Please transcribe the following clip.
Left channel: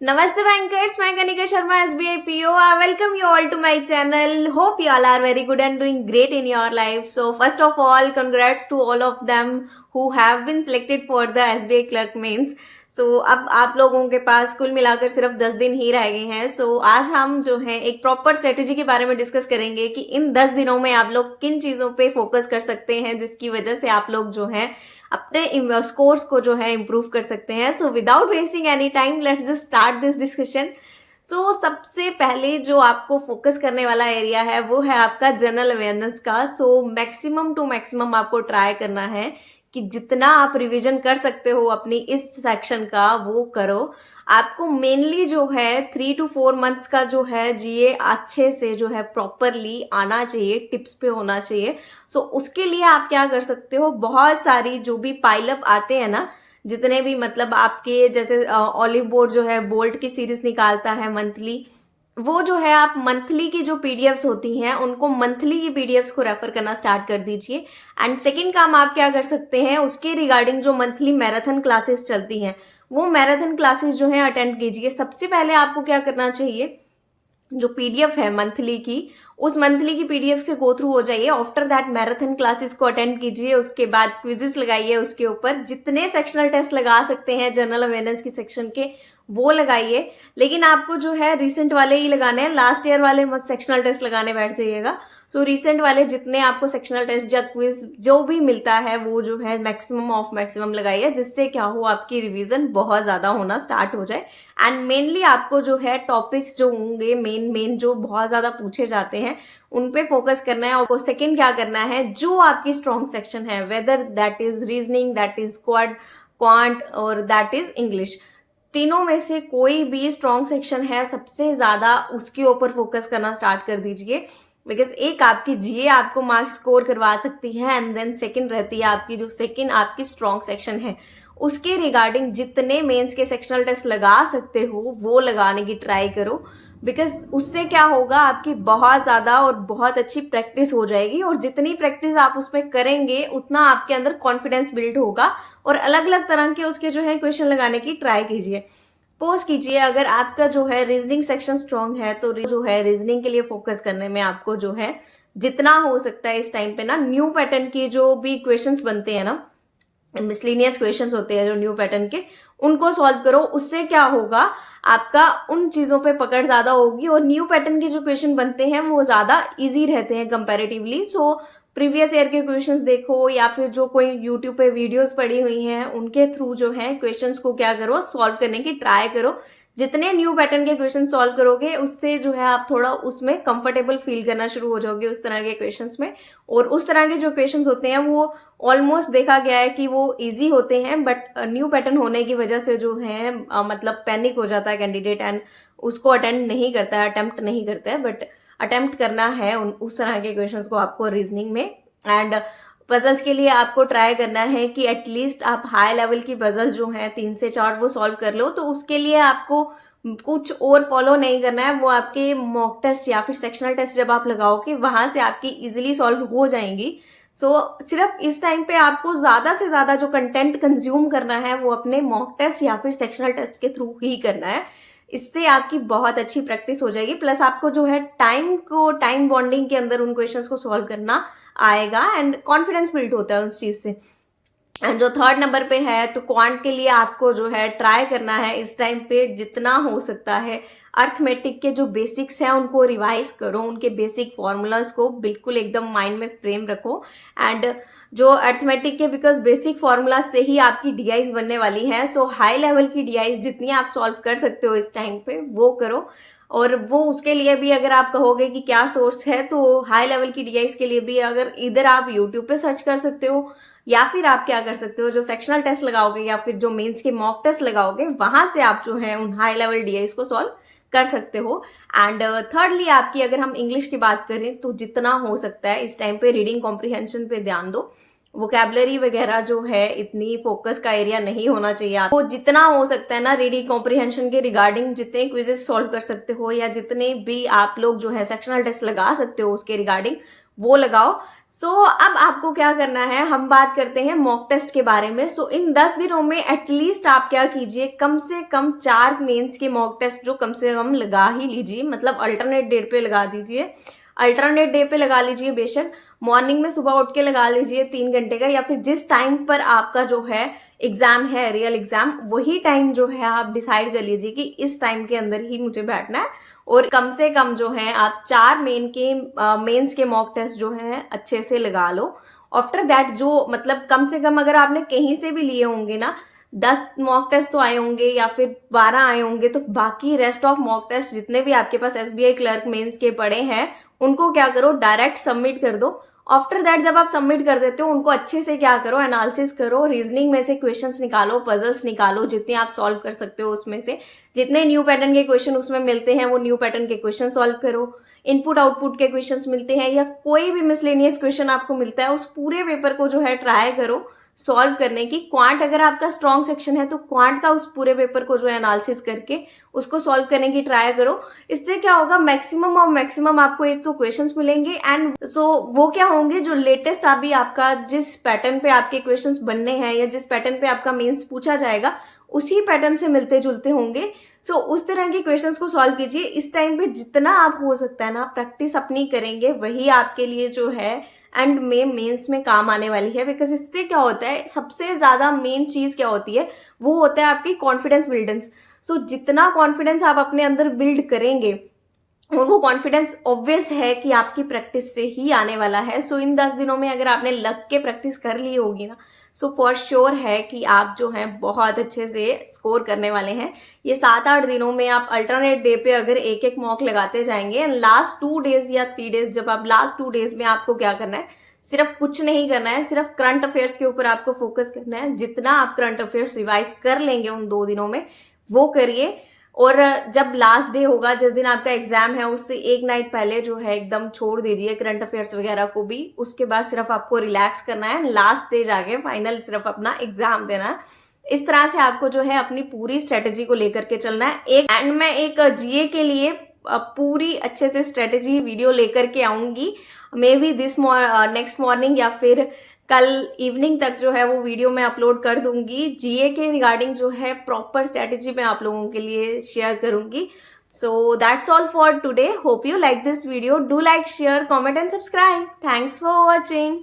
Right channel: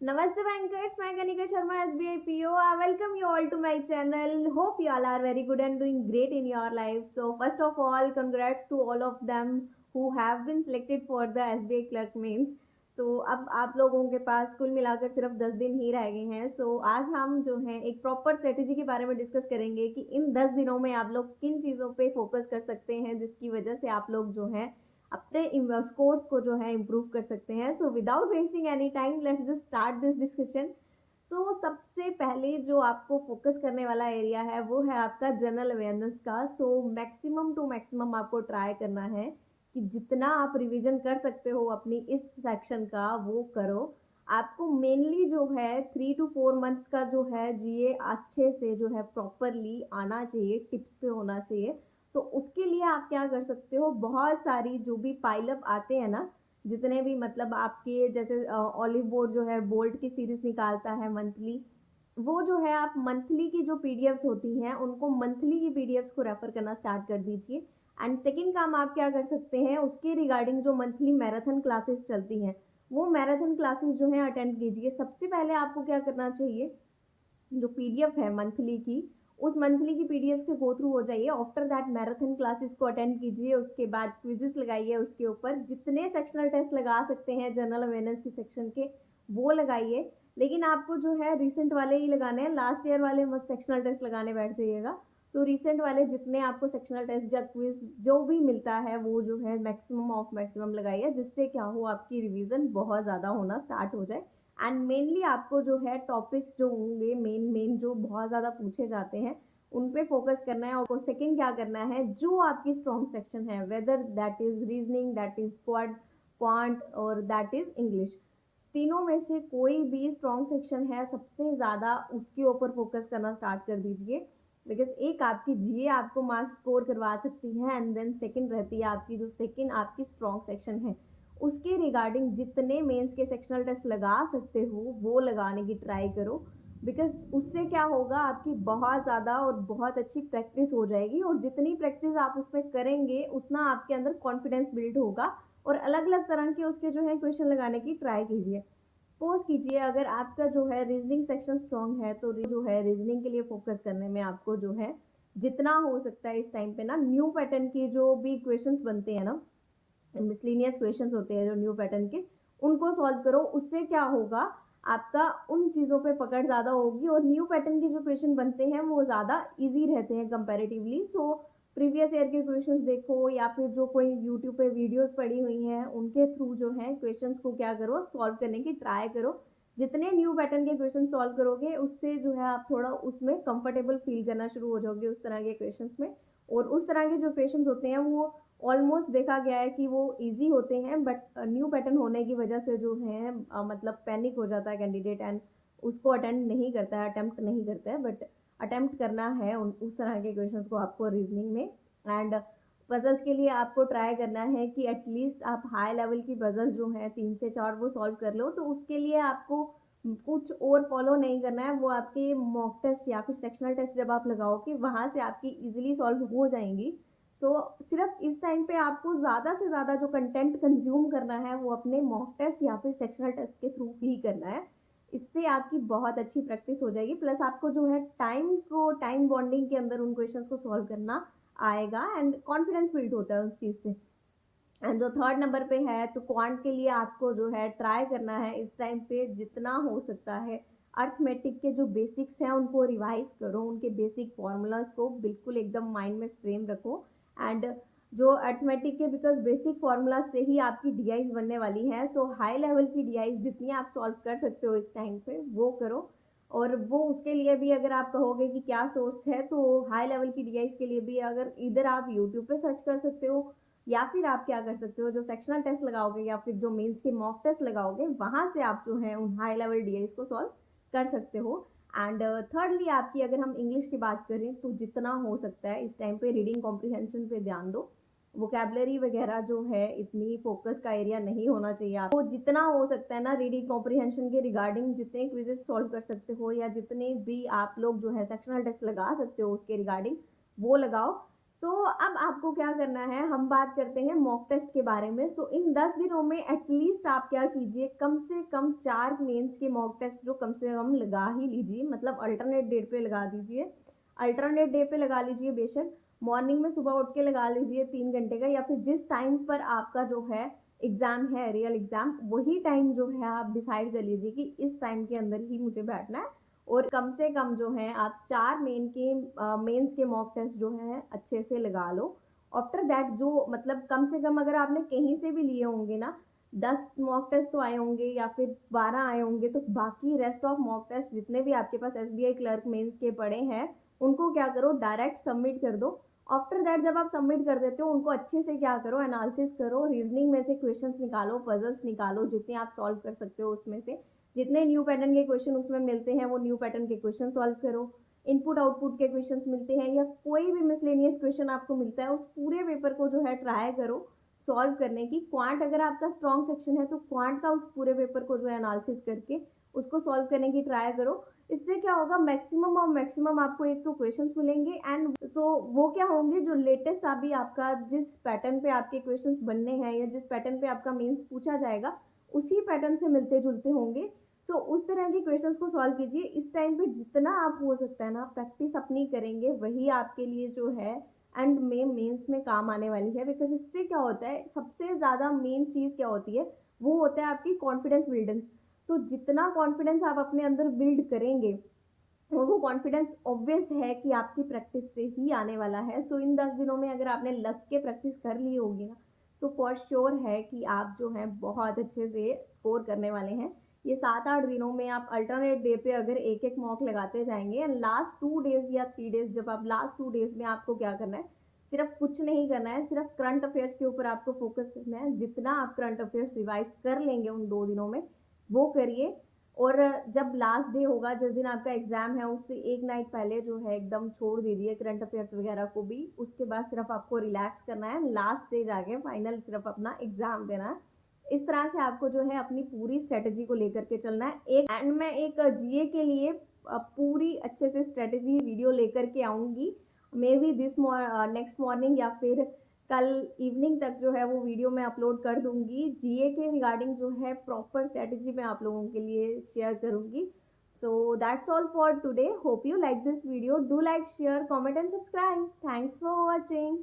Namaste bankers, मैं Kanika Sharma SBI PO. I welcome you all to my channel. Hope you all are very good and doing great in your life. So first of all, congrats to all of them who have been selected for the SBI clerk mains. So अब आप लोगों के पास कुल मिलाकर सिर्फ 10 दिन ही रह गए हैं. So आज हम जो है एक प्रॉपर स्ट्रेटेजी के बारे में डिस्कस करेंगे कि इन 10 दिनों में आप लोग किन चीज़ों पे फोकस कर सकते हैं जिसकी वजह से आप लोग जो है अपने स्कोर्स को जो है इम्प्रूव कर सकते हैं. So without wasting any time let's just start this discussion. So सबसे पहले जो आपको फोकस करने वाला एरिया है वो है आपका जनरल अवेयरनेस का. सो मैक्सिमम टू मैक्सिमम आपको ट्राई करना है कि जितना आप रिवीजन कर सकते हो अपनी इस सेक्शन का वो करो. आपको मेनली जो है 3 to 4 मंथ्स का जो है जीए अच्छे से जो है प्रॉपरली आना चाहिए, टिप्स पे होना चाहिए. सो उसके लिए आप क्या कर सकते हो, बहुत सारी जो भी पाइलअप आते हैं ना, जितने भी मतलब आपके जैसे ऑलिव बोर्ड जो है बोल्ट की सीरीज निकालता है मंथली, वो जो है आप मंथली की जो पीडीएफ्स होती हैं उनको मंथली की पीडीएफ्स को रेफर करना स्टार्ट कर दीजिए. एंड सेकंड काम आप क्या कर सकते हैं, उसके रिगार्डिंग जो मंथली मैराथन क्लासेस चलती हैं वो मैराथन क्लासेस जो है अटेंड कीजिए. सबसे पहले आपको क्या करना चाहिए, जो पीडीएफ है मंथली की, उस मंथली की पीडीएफ से गो थ्रू हो जाइए. आफ्टर दैट मैराथन क्लासेस को अटेंड कीजिए. उसके बाद क्विजेस लगाइए, उसके ऊपर जितने सेक्शनल टेस्ट लगा सकते हैं जनरल अवेयरनेस की सेक्शन के वो लगाइए. लेकिन आपको जो है रिसेंट वाले ही लगाने हैं, लास्ट ईयर वाले मत सेक्शनल टेस्ट लगाने बैठ जाइएगा. सो रिसेंट वाले जितने आपको सेक्शनल टेस्ट या क्विज जो भी मिलता है वो जो है मैक्सिमम ऑफ मैक्सिमम लगाइए, जिससे क्या हो आपकी रिवीजन बहुत ज़्यादा होना स्टार्ट हो जाए. एंड मेनली आपको जो है टॉपिक्स जो होंगे मेन जो बहुत ज़्यादा पूछे जाते हैं उन पे फोकस करना है. और सेकंड क्या करना है, जो आपकी स्ट्रॉन्ग सेक्शन है, whether that is reasoning, that is quant और दैट इज इंग्लिश, तीनों में से कोई भी स्ट्रॉन्ग सेक्शन है सबसे ज़्यादा उसके ऊपर फोकस करना स्टार्ट कर दीजिए. बिकॉज एक आपकी जीए आपको मार्क्स स्कोर करवा सकती है एंड देन सेकंड रहती है आपकी जो सेकंड आपकी स्ट्रॉन्ग सेक्शन है उसके रिगार्डिंग जितने मेंस के सेक्शनल टेस्ट लगा सकते हो वो लगाने की ट्राई करो. बिकॉज उससे क्या होगा, आपकी बहुत ज़्यादा और बहुत अच्छी प्रैक्टिस हो जाएगी. और जितनी प्रैक्टिस आप उसमें करेंगे उतना आपके अंदर कॉन्फिडेंस बिल्ड होगा. और अलग अलग तरह के उसके जो है क्वेश्चन लगाने की ट्राई कीजिए. पोस्ट कीजिए. अगर आपका जो है रीजनिंग सेक्शन स्ट्रांग है तो जो है रीजनिंग के लिए फोकस करने में आपको जो है जितना हो सकता है इस टाइम पे ना, न्यू पैटर्न की जो भी क्वेश्चंस बनते हैं ना, मिसलिनियस क्वेश्चंस होते हैं जो न्यू पैटर्न के, उनको सॉल्व करो. उससे क्या होगा, आपका उन चीज़ों पे पकड़ ज़्यादा होगी और न्यू पैटर्न के जो क्वेश्चन बनते हैं वो ज़्यादा इजी रहते हैं कंपैरेटिवली. सो प्रीवियस ईयर के क्वेश्चंस देखो या फिर जो कोई यूट्यूब पे वीडियोस पड़ी हुई हैं उनके थ्रू जो है क्वेश्चंस को क्या करो, सॉल्व करने की ट्राई करो. जितने न्यू पैटर्न के क्वेश्चन सॉल्व करोगे उससे जो है आप थोड़ा उसमें कंफर्टेबल फील करना शुरू हो जाओगे उस तरह के क्वेश्चंस में. और उस तरह के जो क्वेश्चंस होते हैं वो ऑलमोस्ट देखा गया है कि वो इजी होते हैं, बट न्यू पैटर्न होने की वजह से जो है मतलब पैनिक हो जाता है कैंडिडेट एंड उसको अटेंड नहीं करता है, अटेम्प्ट नहीं करता है. बट अटेम्प्ट करना है उस तरह के क्वेश्चंस को आपको रीजनिंग में. एंड पजल्स के लिए आपको ट्राई करना है कि एटलीस्ट आप हाई लेवल की पजल जो है 3 से 4 वो सॉल्व कर लो. तो उसके लिए आपको कुछ और फॉलो नहीं करना है, वो आपके मॉक टेस्ट या फिर सेक्शनल टेस्ट जब आप लगाओगे वहां से आपकी इजीली सॉल्व हो जाएंगी. सो सिर्फ इस टाइम पे आपको ज़्यादा से ज़्यादा जो कंटेंट कंज्यूम करना है वो अपने मॉक टेस्ट या फिर सेक्शनल टेस्ट के थ्रू ही करना है. इससे आपकी बहुत अच्छी प्रैक्टिस हो जाएगी. प्लस आपको जो है टाइम बॉन्डिंग के अंदर उन क्वेश्चंस को सॉल्व करना आएगा एंड कॉन्फिडेंस बिल्ड होता है उस चीज़ से. एंड जो थर्ड नंबर पे है, तो क्वांट के लिए आपको जो है ट्राई करना है इस टाइम पे जितना हो सकता है अर्थमेटिक के जो बेसिक्स हैं उनको रिवाइज करो, उनके बेसिक फॉर्मूलाज को बिल्कुल एकदम माइंड में फ्रेम रखो. एंड जो अर्थमेटिक के बिकॉज बेसिक फॉर्मूला से ही आपकी डीआईज बनने वाली है. सो हाई लेवल की डीआईज जितनी आप सॉल्व कर सकते हो इस टाइम पे वो करो. और वो उसके लिए भी अगर आप कहोगे कि क्या सोर्स है, तो हाई लेवल की डीआईज के लिए भी अगर इधर आप यूट्यूब पे सर्च कर सकते हो या फिर आप क्या कर सकते हो, जो सेक्शनल टेस्ट लगाओगे या फिर जो मेंस के मॉक टेस्ट लगाओगे वहां से आप जो है उन हाई लेवल डीआईज को सॉल्व कर सकते हो. एंड थर्डली आपकी अगर हम इंग्लिश की बात करें तो जितना हो सकता है इस टाइम पे रीडिंग कॉम्प्रिहेंशन पे ध्यान दो. वोकैबुलरी वगैरह जो है इतनी फोकस का एरिया नहीं होना चाहिए. आपको जितना हो सकता है ना रीडिंग कॉम्प्रिहेंशन के रिगार्डिंग जितने क्विजेस सॉल्व कर सकते हो या जितने भी आप लोग जो है सेक्शनल टेस्ट लगा सकते हो उसके रिगार्डिंग वो लगाओ. अब आपको क्या करना है, हम बात करते हैं मॉक टेस्ट के बारे में। इन 10 दिनों में एटलीस्ट आप क्या कीजिए, कम से कम 4 मेंस के मॉक टेस्ट जो कम से कम लगा ही लीजिए, मतलब अल्टरनेट डेट पे लगा दीजिए। अल्टरनेट डे पे लगा लीजिए, बेशक मॉर्निंग में सुबह उठ के लगा लीजिए 3 घंटे का, या फिर जिस टाइम पर आपका जो है एग्जाम है, रियल एग्जाम, वही टाइम जो है आप डिसाइड कर लीजिए कि इस टाइम के अंदर ही मुझे बैठना है। और कम से कम जो है आप 4 मेंस के मॉक टेस्ट जो है अच्छे से लगा लो। आफ्टर दैट जो मतलब कम से कम अगर आपने कहीं से भी लिए होंगे ना, 10 मॉक टेस्ट तो आए होंगे या फिर 12 आए होंगे, तो बाकी रेस्ट ऑफ मॉक टेस्ट जितने भी आपके पास एसबीआई क्लर्क मेंस के पड़े हैं, उनको क्या करो, डायरेक्ट सबमिट कर दो। आफ्टर दैट जब आप सबमिट कर देते हो, उनको अच्छे से क्या करो, एनालिसिस करो, रीजनिंग में से क्वेश्चंस निकालो, पजल्स निकालो, जितने आप सॉल्व कर सकते हो उसमें से, जितने न्यू पैटर्न के क्वेश्चन उसमें मिलते हैं वो न्यू पैटर्न के क्वेश्चन सॉल्व करो। इनपुट आउटपुट के क्वेश्चंस मिलते हैं या कोई भी मिसलेनियस क्वेश्चन आपको मिलता है, उस पूरे पेपर को जो है ट्राई करो सॉल्व करने की। क्वांट अगर आपका स्ट्रॉन्ग सेक्शन है तो क्वांट का उस पूरे पेपर को जो है एनालिसिस करके उसको सॉल्व करने की ट्राई करो। इससे क्या होगा, मैक्सिमम और मैक्सिमम आपको एक तो क्वेश्चंस मिलेंगे, एंड वो क्या होंगे, जो लेटेस्ट अभी आपका जिस पैटर्न पे आपके क्वेश्चंस बनने हैं या जिस पैटर्न पे आपका मेंस पूछा जाएगा, उसी पैटर्न से मिलते जुलते होंगे। उस तरह के क्वेश्चंस को सॉल्व कीजिए। इस टाइम पे जितना आप हो सकता है ना प्रैक्टिस अपनी करेंगे, वही आपके लिए जो है एंड में मेंस में काम आने वाली है। बिकॉज इससे क्या होता है, सबसे ज्यादा मेन चीज क्या होती है, वो होता है आपकी कॉन्फिडेंस बिल्डेंस। जितना कॉन्फिडेंस आप अपने अंदर बिल्ड करेंगे, और वो कॉन्फिडेंस ऑब्वियस है कि आपकी प्रैक्टिस से ही आने वाला है। इन 10 दिनों में अगर आपने लग के प्रैक्टिस कर ली होगी ना, फॉर श्योर है कि आप जो हैं बहुत अच्छे से स्कोर करने वाले हैं। ये 7-8 दिनों में आप अल्टरनेट डे पे अगर एक एक मॉक लगाते जाएंगे, एंड लास्ट 2 डेज या 3 डेज, जब आप लास्ट 2 डेज में आपको क्या करना है, सिर्फ कुछ नहीं करना है, सिर्फ करंट अफेयर्स के ऊपर आपको फोकस करना है। जितना आप करंट अफेयर्स रिवाइज कर लेंगे उन 2 दिनों में, वो करिए। और जब लास्ट डे होगा, जिस दिन आपका एग्जाम है, उससे एक नाइट पहले जो है एकदम छोड़ दीजिए करंट अफेयर्स वगैरह को भी। उसके बाद सिर्फ आपको रिलैक्स करना है, लास्ट डे जाके फाइनल सिर्फ अपना एग्जाम देना है। इस तरह से आपको जो है अपनी पूरी स्ट्रेटेजी को लेकर के चलना है। मैं एक जीए के लिए पूरी अच्छे से स्ट्रेटेजी वीडियो लेकर के आऊंगी, मे बी नेक्स्ट मॉर्निंग या फिर कल इवनिंग तक जो है वो वीडियो मैं अपलोड कर दूंगी। जीए के रिगार्डिंग जो है प्रॉपर स्ट्रेटेजी मैं आप लोगों के लिए शेयर करूंगी। That's all for today. Hope you like this video. Do like, share, comment and subscribe. Thanks for watching.